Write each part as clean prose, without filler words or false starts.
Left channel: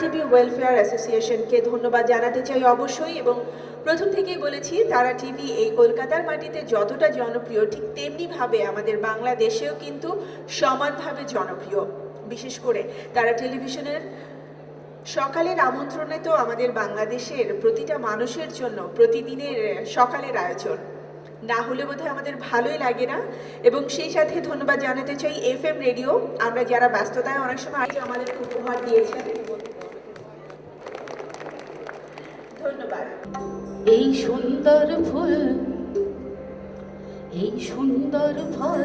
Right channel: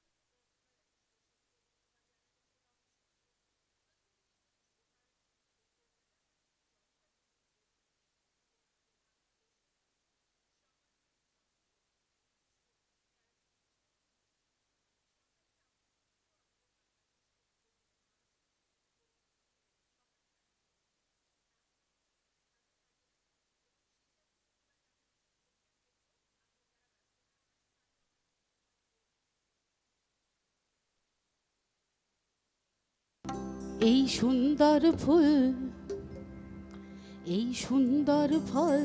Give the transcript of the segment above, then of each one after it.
TV welfare অ্যাসোসিয়েশনকে ধন্যবাদ জানাতে চাই অবশ্যই। এবং প্রথম থেকেই বলেছি, তারা টিভি এই কলকাতার মাটিতে যতটা জনপ্রিয়, ঠিক তেমনিভাবে আমাদের বাংলাদেশেও কিন্তু সমানভাবে জনপ্রিয়। বিশেষ করে তারা টেলিভিশনের সকালের আমন্ত্রণে তো আমাদের বাংলাদেশের প্রতিটা মানুষের জন্য প্রতিদিনের সকালের আয়োজন না হলে বোধহয় আমাদের ভালোই লাগে না। এবং সেই সাথে ধন্যবাদ জানাতে চাই FM রেডিও, আমরা যারা ব্যস্ততায় অনেক সময় আমাদের উপহার দিয়েছেন। ধন্যবাদ। এই সুন্দর ফুল, এই সুন্দর ফল,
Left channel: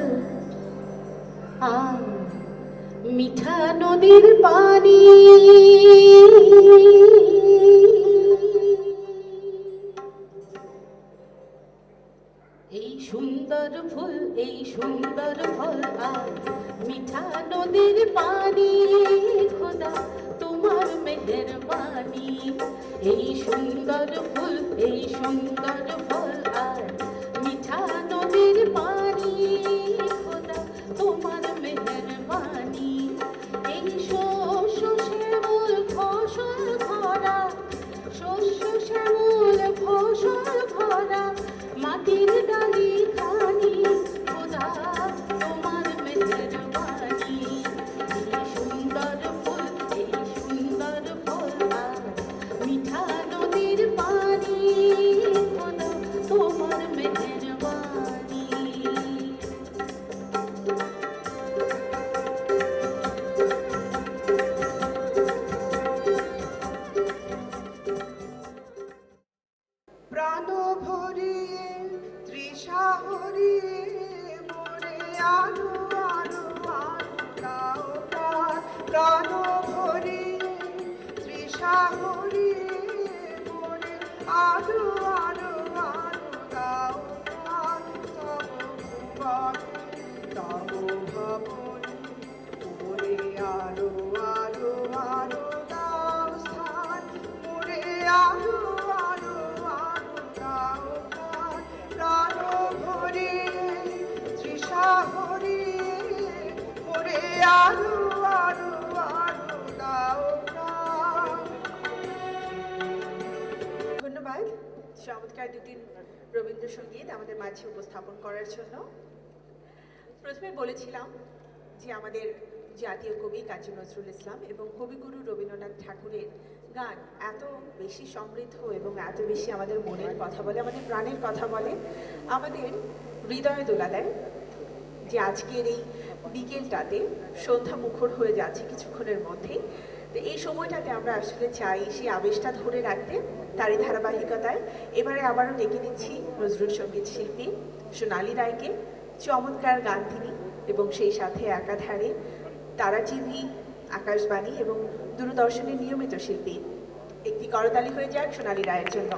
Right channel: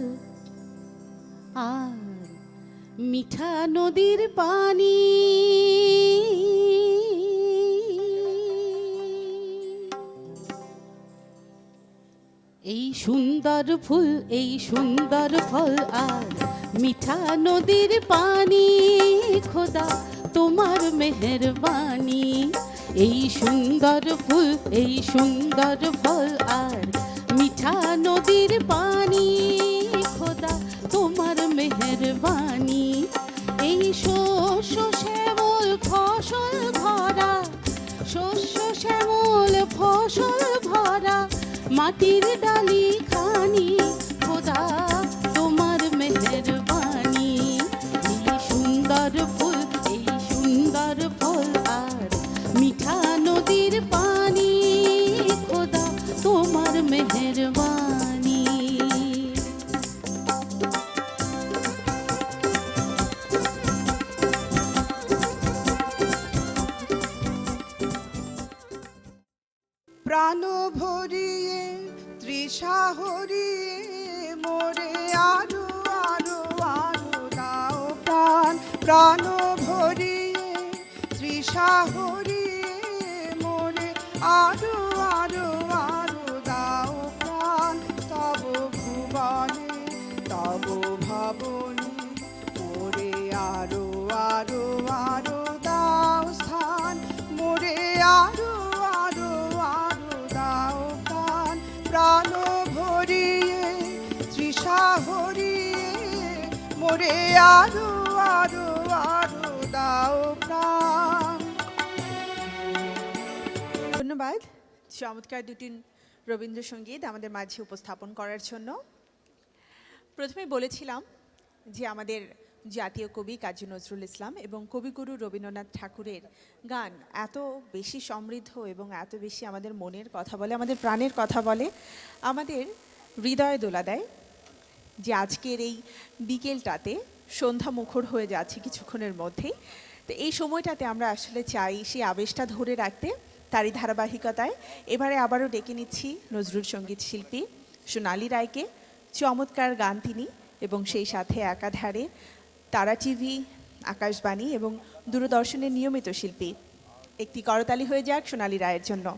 মিঠা নদীর পানি, এই সুন্দর ফুল, এই সুন্দর ফল আর মিঠা নদীর পানি, খোদা তোমার মেহেরবানি। এই সুন্দর ফুল, এই সুন্দর ফল আর মিঠা নদীর পানি, খোদা তোমার মেহেরবানি। এই শস্য শ্যামল ফসল ভরা, শস্য শ্যামল ফসল ভরা মাটির ডালি খানি, খোদা তোমার মেহেরবানি। এই সুন্দর ফুল, এই সুন্দর ফল আর মিঠা নদীর পানি, খোদা তোমার মেহেরবানি। প্রাণ ভরিয়ে তৃষা হরিয়ে মোরে আরো আরো আরো দাও প্রাণ। প্রাণ ভরিয়ে তৃষা হরিয়ে মোরে আরো আরো আরো দাও প্রাণ। তব ভুবনে তব ভবনে মোরে আরো আরো আরো দাও স্থান, মোরে আরো আরো আরো দাও প্রাণ। প্রাণ ভরিয়ে তৃষা হরিয়ে মোরে আরো আরো আরো দাও প্রাণ। ধন্যবাদ চমৎকার দুটি রবীন্দ্রসঙ্গীত আমাদের মাঝে উপস্থাপন করার জন্য। প্রথমে বলেছিলাম যে আমাদের জাতীয় কবি কাজী নজরুল ইসলাম এবং কবিগুরু রবীন্দ্রনাথ ঠাকুরের গান এত বেশি সমৃদ্ধ এবং এত বেশি আমাদের মনের কথা বলে, আমাদের প্রাণের কথা বলে, আমাদের হৃদয় দোলা দেয়। যে আজকের এই বিকেলটাতে সন্ধ্যা মুখর হয়ে যাচ্ছে কিছুক্ষণের মধ্যেই, তো এই সময়টাতে আমরা আসলে চাই সেই আবেশটা ধরে রাখতে। তারই ধারাবাহিকতায় এবারে আবারও ডেকে নিচ্ছি নজরুল সঙ্গীত শিল্পী সোনালী রায়কে। চমৎকার গান তিনি, এবং সেই সাথে একাধারে তারা টিভি, আকাশবাণী এবং দূরদর্শনের নিয়মিত শিল্পী। একটি করতালি হয়ে যাক সোনালী রায়ের জন্য।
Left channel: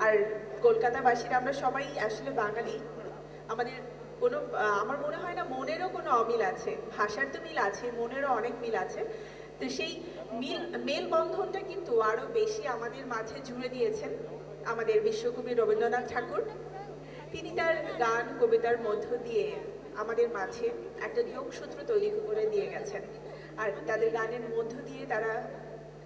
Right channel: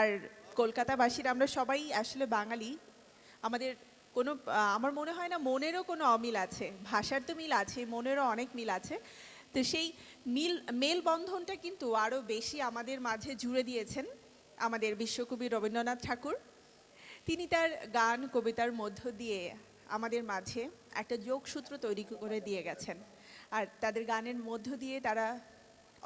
আর কলকাতাবাসীরা আমরা সবাই আসলে বাঙালি, আমাদের কোনো আমার মনে হয় না মনেরও কোনো অমিল আছে, ভাষার তো মিল আছে, মনেরও অনেক মিল আছে। তো সেই মেলবন্ধনটা কিন্তু আরো বেশি আমাদের মাঝে জুড়ে দিয়েছেন আমাদের বিশ্বকবি রবীন্দ্রনাথ ঠাকুর। তিনি তার গান কবিতার মধ্য দিয়ে আমাদের মাঝে একটা যোগসূত্র তৈরি করে দিয়ে গেছেন। আর তাদের গানের মধ্য দিয়ে তারা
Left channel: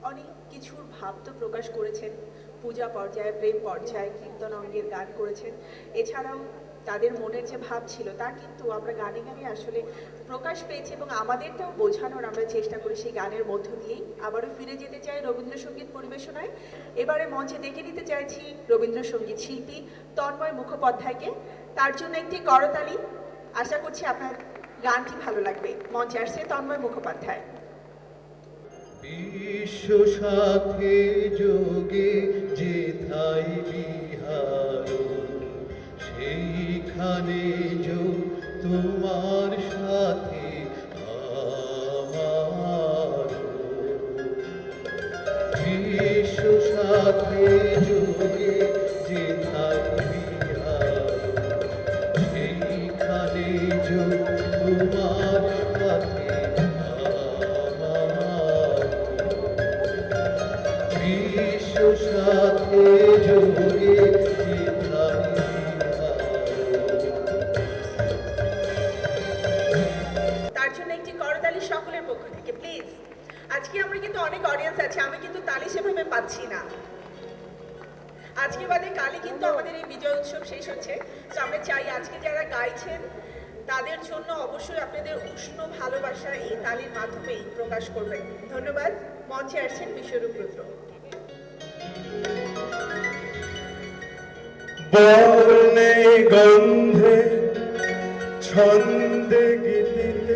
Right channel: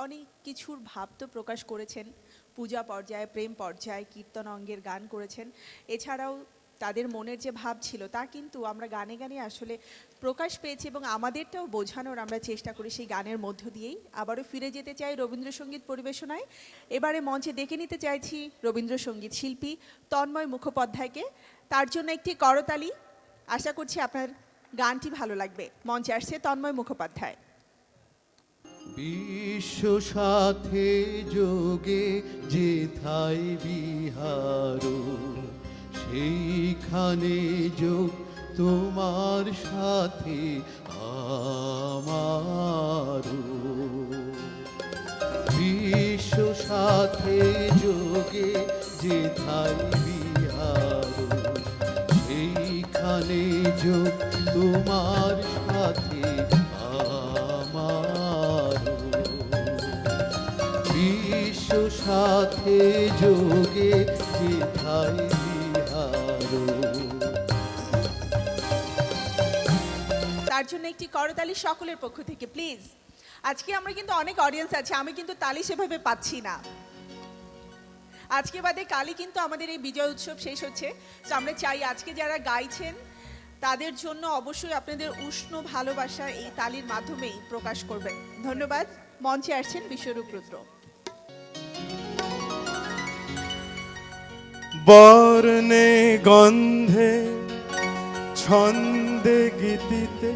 অনেক কিছু ভাব তো প্রকাশ করেছেন, পূজা পর্যায়ে, প্রেম পর্যায়ে, কীর্তন অঙ্গের গান করেছেন। এছাড়াও তাদের মনের যে ভাব ছিল তা কিন্তু আমরা গানে গানে আসলে প্রকাশ পেয়েছি, এবং আমাদেরকেও বোঝানোর আমরা চেষ্টা করি সেই গানের মধ্য দিয়ে। আবারও ফিরে যেতে চাই রবীন্দ্রসঙ্গীত পরিবেশনায়। এবারে মঞ্চে ডেকে নিতে চাইছি রবীন্দ্রসঙ্গীত শিল্পী তন্ময় মুখোপাধ্যায়কে। তার জন্য একটি করতালি। আশা করছি আপনার গানটি ভালো লাগবে। মঞ্চে আসছে তন্ময় মুখোপাধ্যায়। বিশ্ব সাথে যোগে যেথায় বিহার, সেইখানে যোগ তোমার সাথে আমার। বিশ্ব সাথে যোগে যেথায় বিহার, সেইখানে যোগ তোমার সাথে আমার। বিশ্ব সাথে যোগে যেথায় বিহার। তার জন্য একটি করতালি সকলের পক্ষ থেকে প্লিজ। আজকে আমরা কিন্তু অনেক অডিয়েন্স আছে, আমি কিন্তু তালি সেভাবে পাচ্ছি না। আজকে বাদে কালই কিন্তু আমাদের এই বিজয় উৎসব শেষ হচ্ছে। তো আমরা চাই আজকে যারা গাইছেন তাদের জন্য অবশ্যই আপনাদের উষ্ণ ভালোবাসা এই তালির মাধ্যমে প্রকাশ করবেন। ধন্যবাদ। মঞ্চে আসছেন বিশ্বরূপ রুদ্র। বর্ণে গন্ধে ছন্দে গীতিতে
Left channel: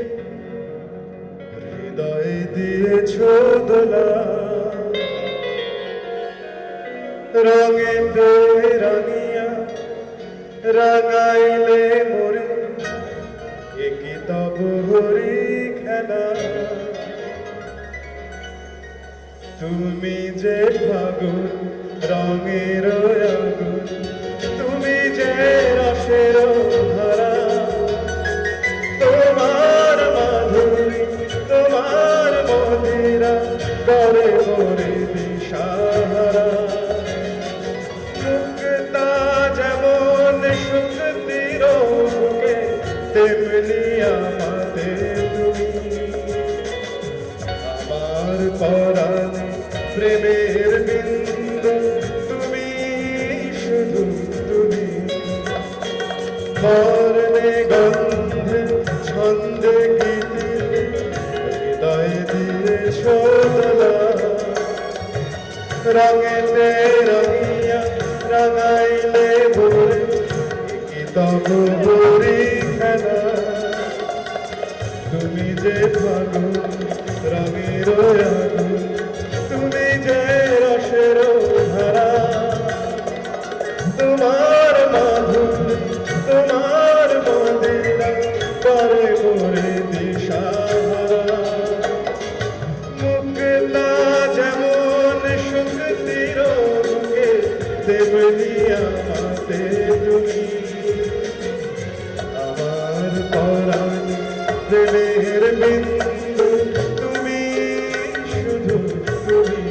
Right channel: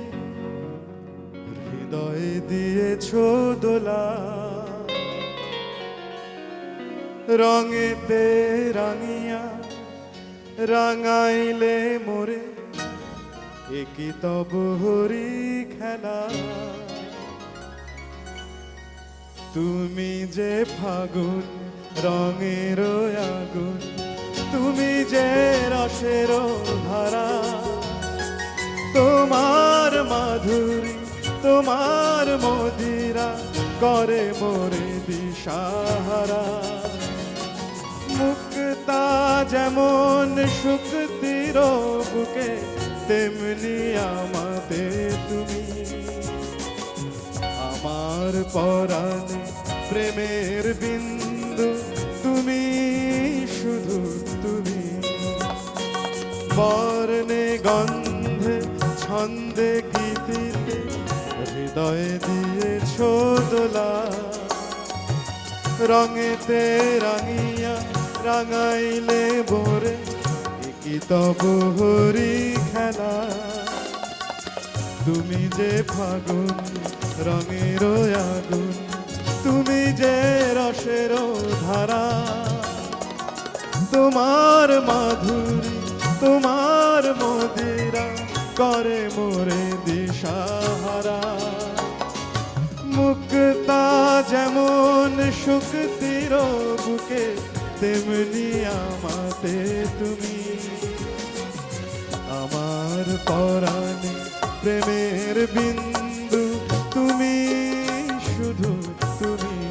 হৃদয় দিয়েছ দোলা, রঙেতে রাঙিয়া রাঙাইলে মোরে একই তব হরি খেলা। তুমি যে ফাগুন রঙের আগুন, তুমি যে রসের ধারা, তোমার মাধুরী তোমার মদিরা করে মোরে দিশাহারা। মুক্তা যেমন সুতৃর বুকে, তেমনি আমাদের তুমি। আমার পরাণে প্রেমের বিন্দু, তুমি শুধু তুমি। বর্ণে গন্ধে ছন্দে গীতিতে হৃদয় দিয়েছ দোলা, রঙেতে রাঙিয়া রাঙাইলে ভোরে কি তব হরি খেলা। তুমি যে ফাগুন রঙের আগুন, তুমি যে রসের ধারা, তোমার মাধুরী তোমার মদিরা করে মোরে দিশাহারা। মুক্তা যেমন সুখদির বুকে, তেমনি আমাদের তুমি। আমার পরাণে প্রেমের বিন্দু, তুমি শুধু তুমি।